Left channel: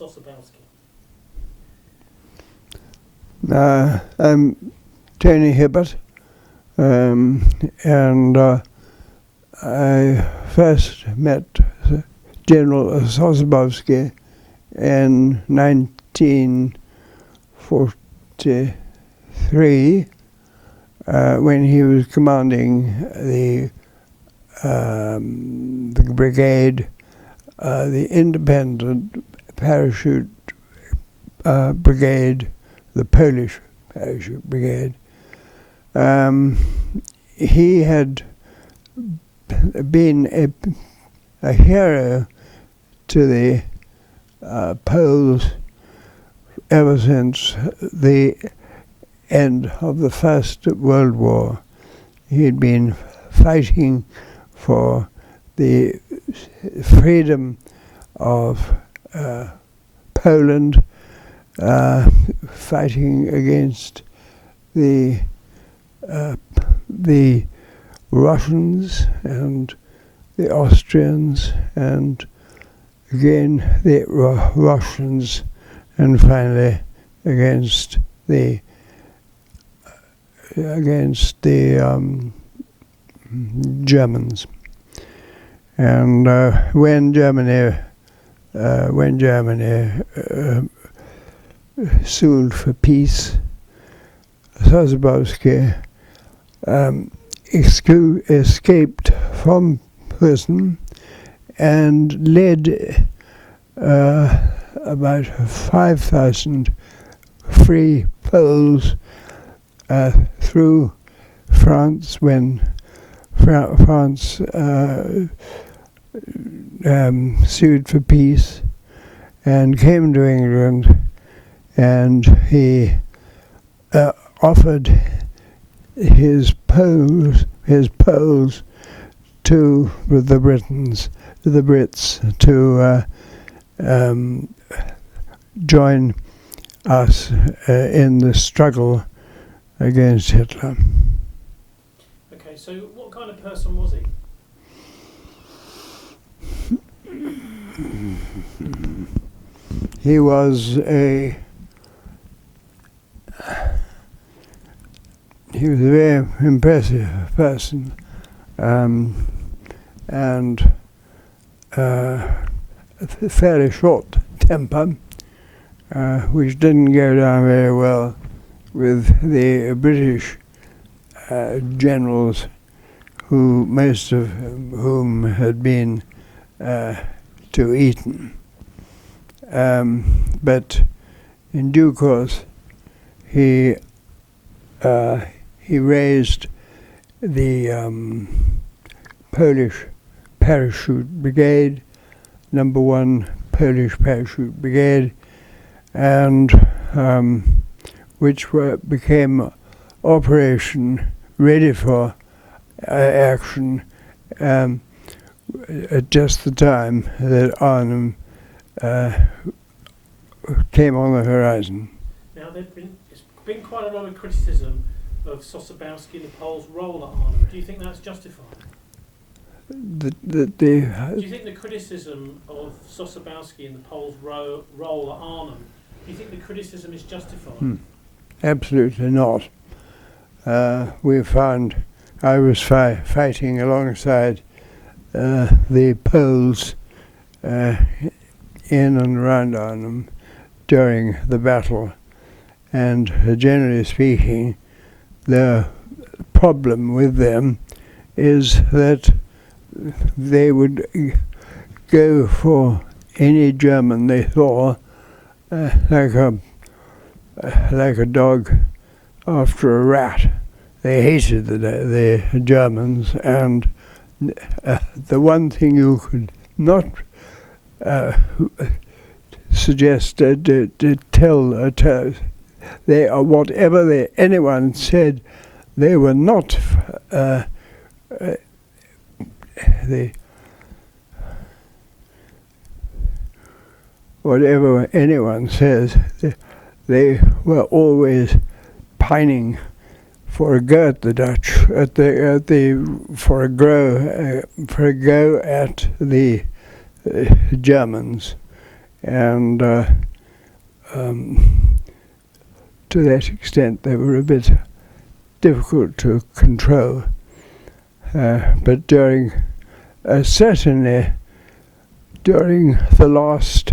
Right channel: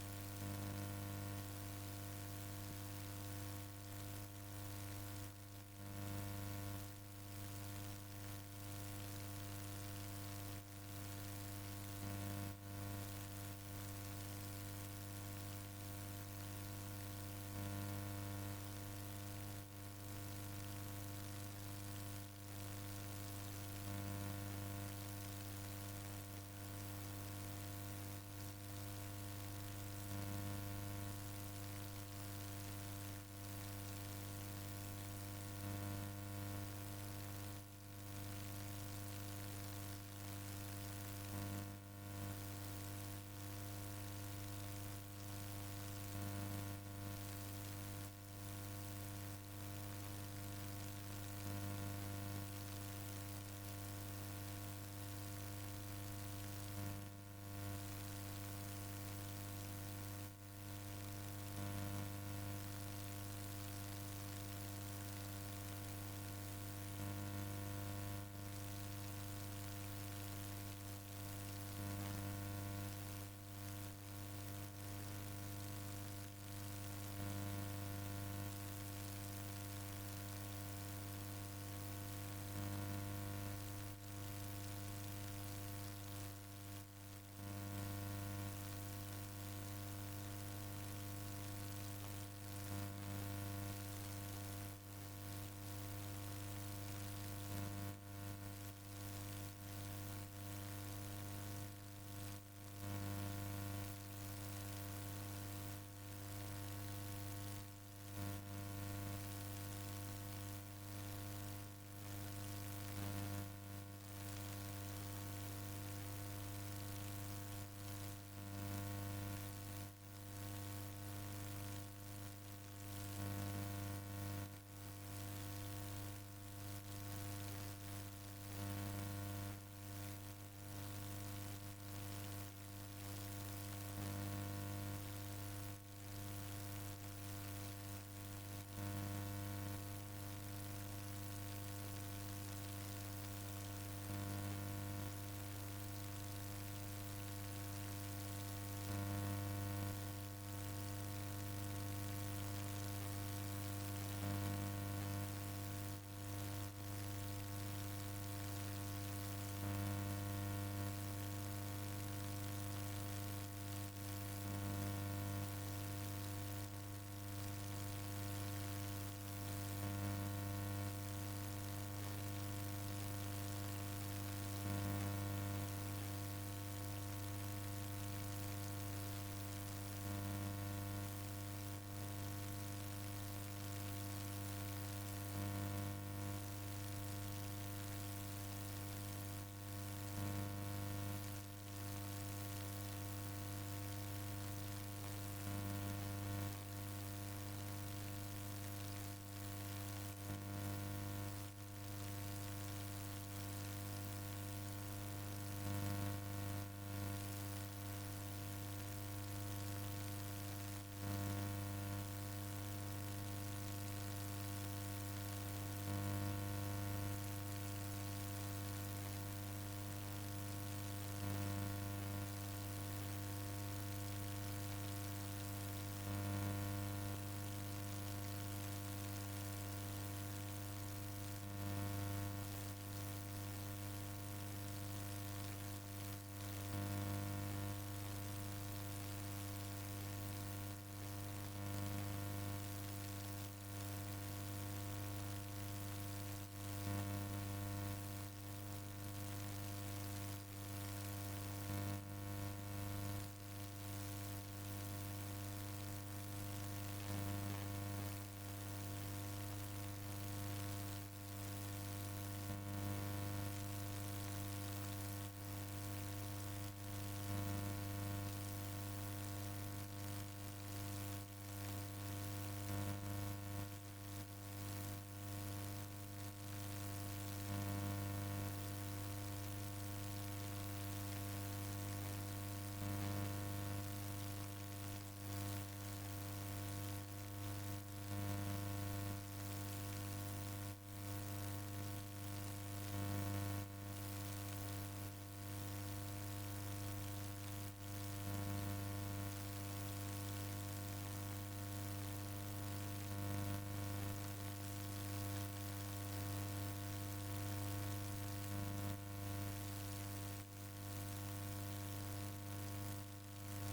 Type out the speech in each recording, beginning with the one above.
Sosabowski? I'm Tony Hibbert, and I first met General Sosabowski in 1943 when he was commanding the brigade, the independent parachute brigade, the Polish parachute brigade. He had been a hero to the Poles ever since the end of the First World War. He had been fighting for the freedom of Poland, fighting against the Russians and the Austrians, and again the Russians, and finally against the Germans. And when Germany sued for peace, Sosabowski escaped from prison and led about 5,000 free Poles through France when France sued for peace, and came to England, and he offered his Poles to the Brits to join us in the struggle against Hitler. Okay, so what kind of person was he? He was a very impressive person, and a fairly short temper, which didn't go down very well with the British generals, who most of whom had been to Eton. But in due course, he raised the Polish Parachute Brigade, number 1 Polish Parachute Brigade, and which became operation ready for action at just the time that Arnhem came on the horizon. Now, there's been quite a lot of criticism of Sosabowski and the Poles' role at Arnhem. Do you think that's justified? Do you think the criticism of Sosabowski and the Poles' role at Arnhem, do you think the criticism is justified? Absolutely not. We found I was fighting alongside the Poles in and around Arnhem during the battle, and generally speaking, the problem with them is that they would go for any German they saw, like a dog after a rat. They hated the Germans, and the one thing you could not suggest to tell whatever anyone said, they were not whatever anyone says, they were always pining for a go at the Dutch, for a go at the Germans, and to that extent they were a bit difficult to control. But certainly during the last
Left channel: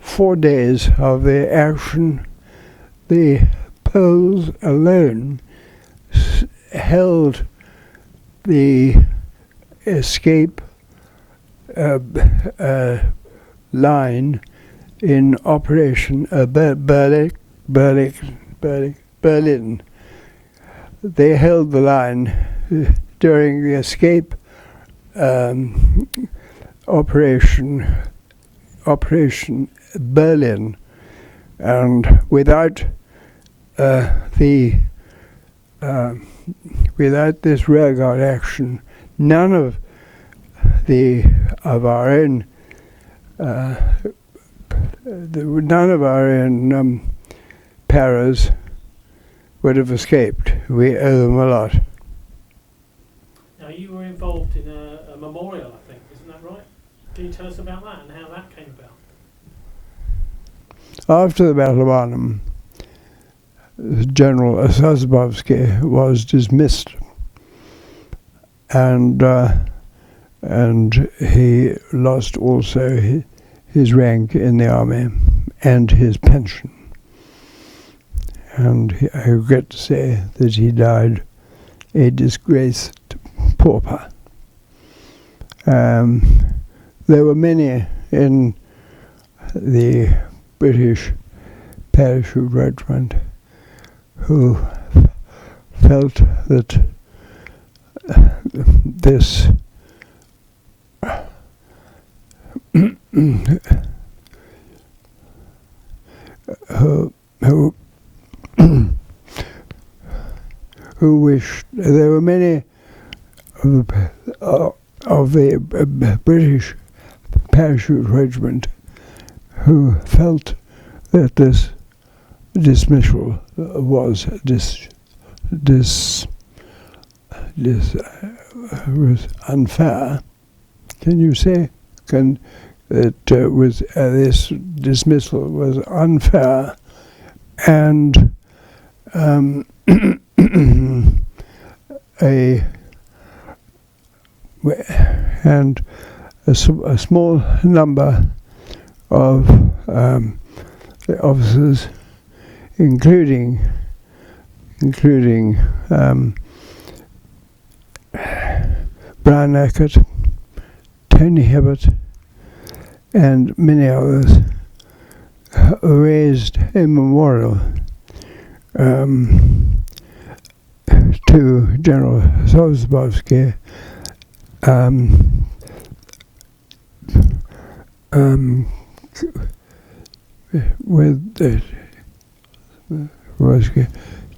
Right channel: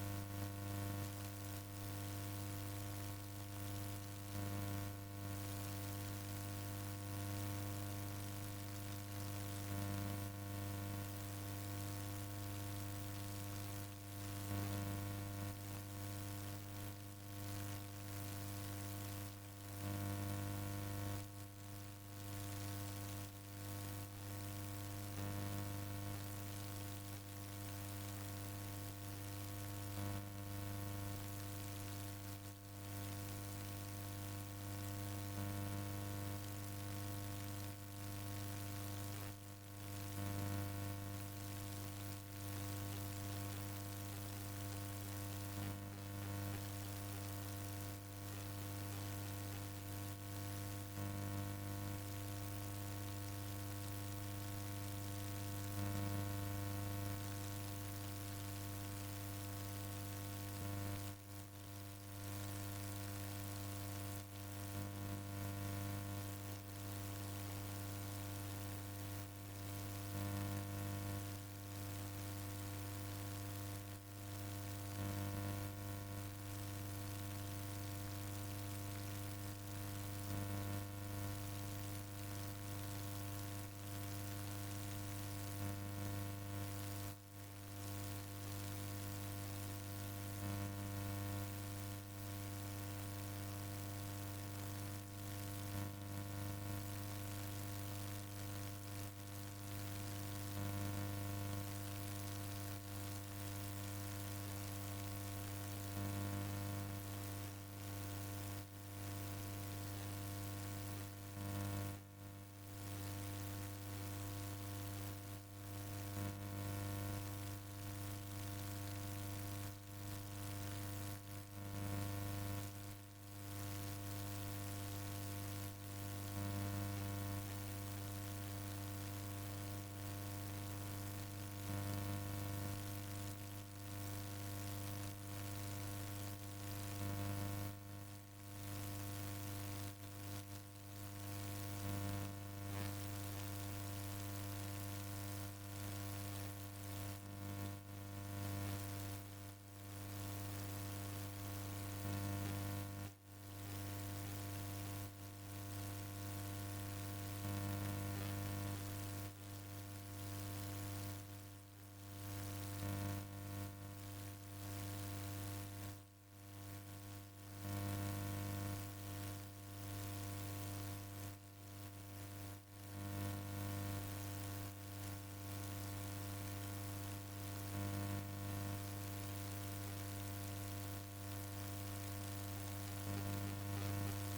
4 days of the action, the Poles alone held the escape line in Operation Berlin. They held the line during the escape Operation Berlin, and without this rearguard action, none of our own paras would have escaped. We owe them a lot. Now, you were involved in a memorial, I think, isn't that right? Can you tell us about that and how that came about? After the Battle of Arnhem, General Sosabowski was dismissed, and he lost also his rank in the army and his pension. And I regret to say that he died a disgraced pauper. There were many in the British parachute regiment who felt that this who wished. There were many of the British parachute regiment who felt that this dismissal was was unfair. Can you say that this dismissal was unfair, and a small number of the officers, including Brian Eckert, Tony Hibbert, and many others, raised a memorial to General Sosabowski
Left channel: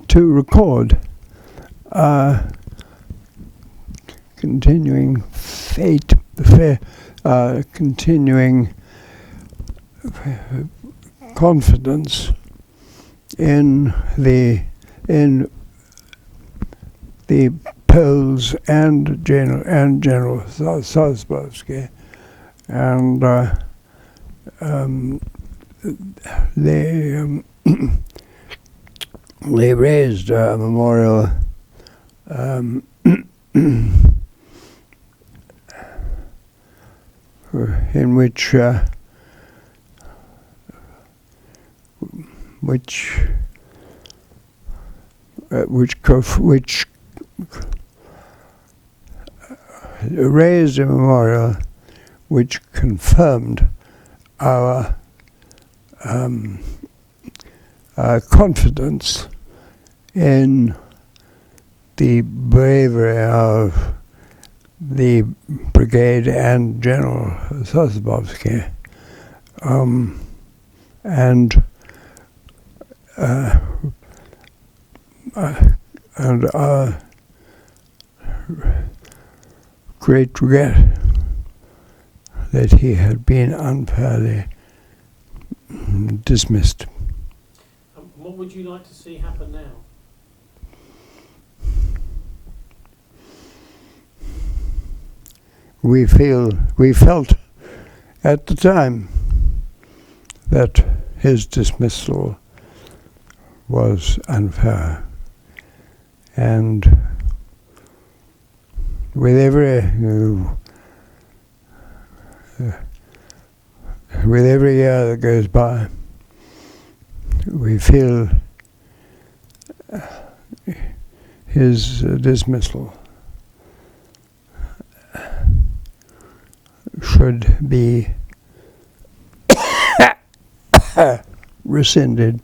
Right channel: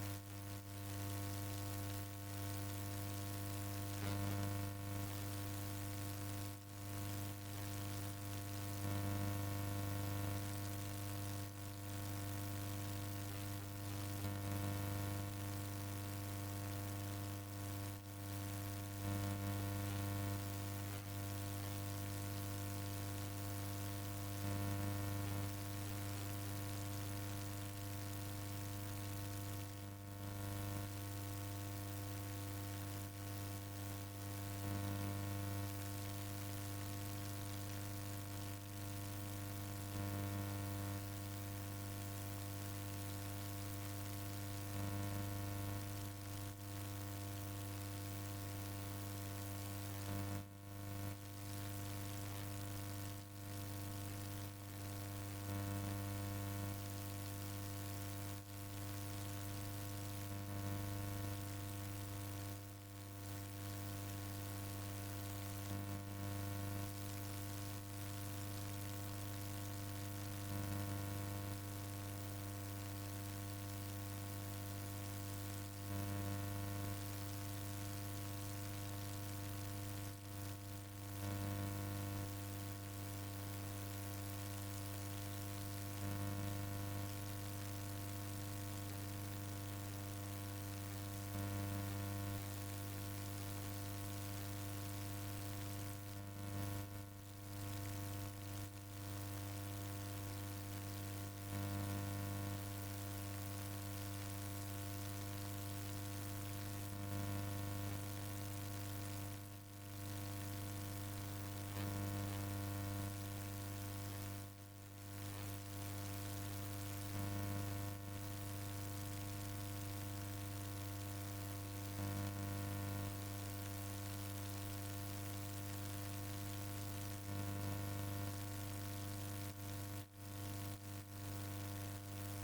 to record continuing continuing confidence in the Poles and General Sosabowski, and they raised a memorial in which raised a memorial which confirmed our confidence in the bravery of the Brigade and General Sosabowski, and our great regret that he had been unfairly dismissed. What would you like to see happen now? We felt at the time that his dismissal was unfair. And with every year that goes by, we feel his dismissal should be rescinded